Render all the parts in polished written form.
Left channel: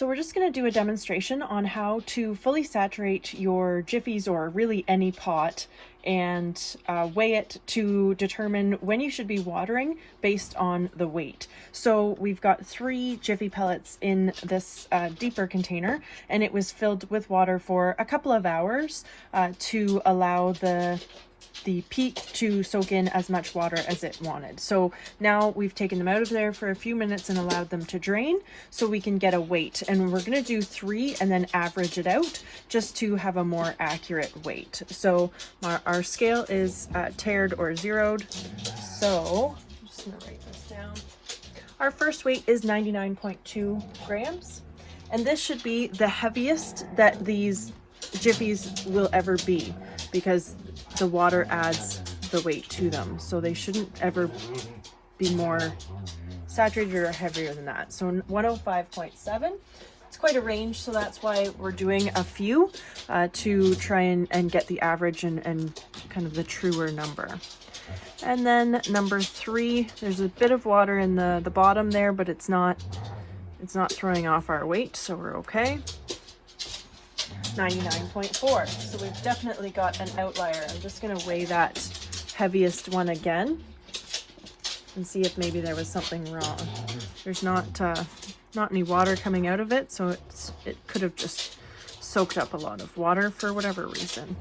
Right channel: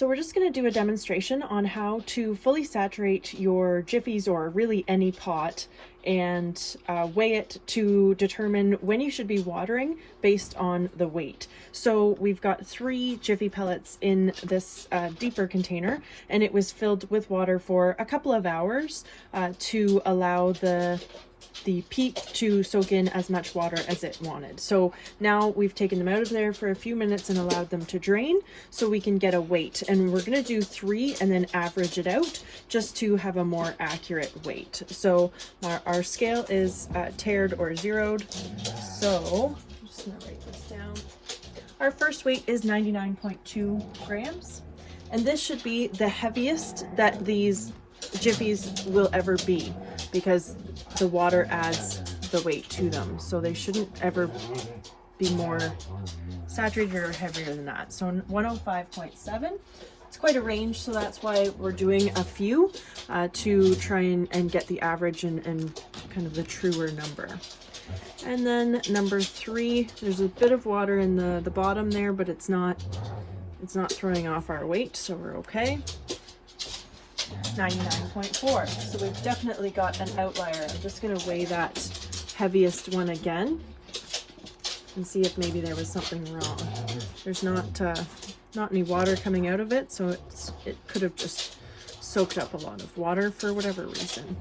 So we're just going to do a demonstration on how to fully saturate your Jiffies, or really any pot, and weigh it to determine when you should be watering based on the weight. So we've got 3 Jiffy pellets in this deeper container, and it was filled with water for a couple of hours to allow the peat to soak in as much water as it wanted. So now we've taken them out of there for a few minutes and allowed them to drain so we can get a weight. And we're going to do 3 and then average it out just to have a more accurate weight. So our scale is tared or zeroed. So I'm just going to write this down. Our first weight is 99.2 grams. And this should be the heaviest that these Jiffies will ever be, because the water adds the weight to them. So they shouldn't ever be more saturated or heavier than that. So 105.7, it's quite a range, so that's why we're doing a few to try and get the average and kind of the truer number. And then number 3, there's a bit of water in the bottom there, but it's not throwing off our weight, so we're okay. 99.4, so we've definitely got an outlier. I'm just going to weigh that heaviest one again and see if maybe there was something wrong. There's not any water coming out of it, so it could have just soaked up a lot of water for whatever reason.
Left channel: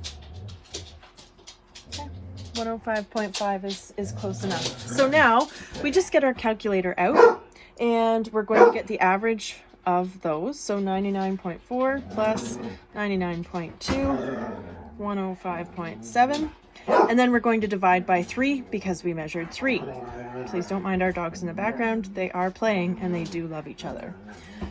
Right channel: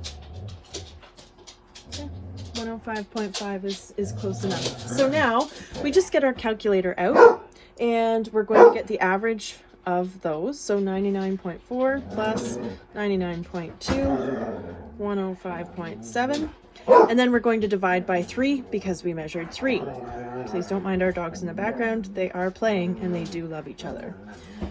Okay. 105.5 is close enough. So now we just get our calculator out and we're going to get the average of those. So 99.4 plus 99.2, 105.7, and then we're going to divide by 3 because we measured 3. Please don't mind our dogs in the background. They are playing and they do love each other.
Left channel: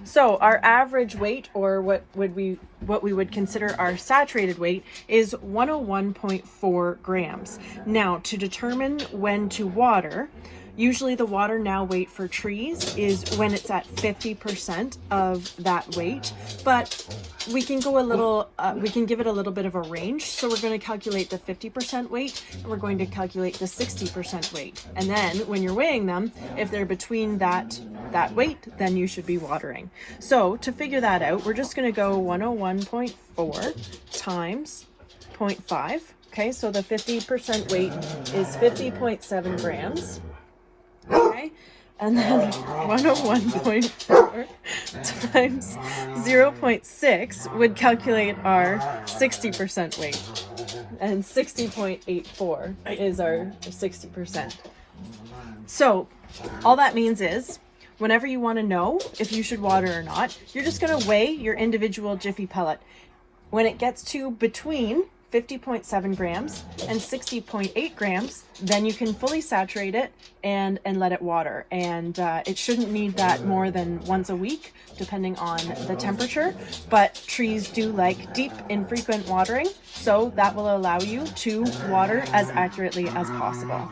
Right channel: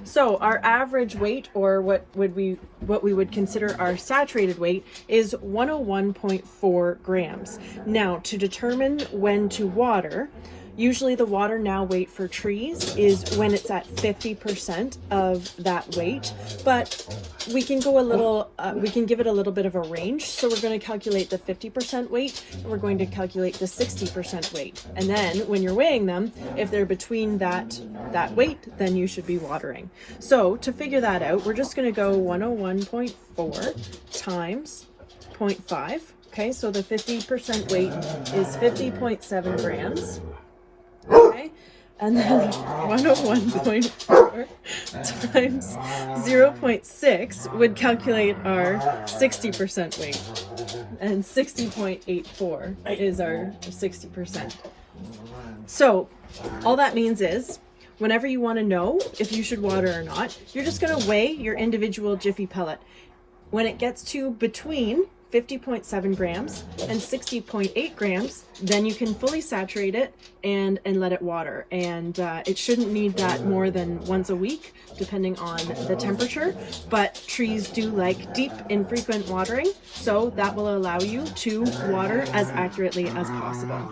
So our average weight, or what we would consider our saturated weight, is 101.4 grams. Now, to determine when to water, usually the water now weight for trees is when it's at 50% of that weight, but we can go a little, we can give it a little bit of a range. So we're going to calculate the 50% weight, and we're going to calculate the 60% weight. And then when you're weighing them, if they're between that weight, then you should be watering. So to figure that out, we're just going to go 101.4 times 0.5. Okay, so the 50% weight is 50.7 grams. Okay, and then 101.4 times 0.6 would calculate our 60% weight, and 60.84 is our 60%. So all that means is, whenever you want to know if you should water or not, you're just going to weigh your individual Jiffy pellet. When it gets to between 50.7 grams and 60.8 grams, then you can fully saturate it and let it water. And it shouldn't need that more than once a week, depending on the temperature. But trees do like deep, infrequent watering, so that will allow you to water as accurately as possible.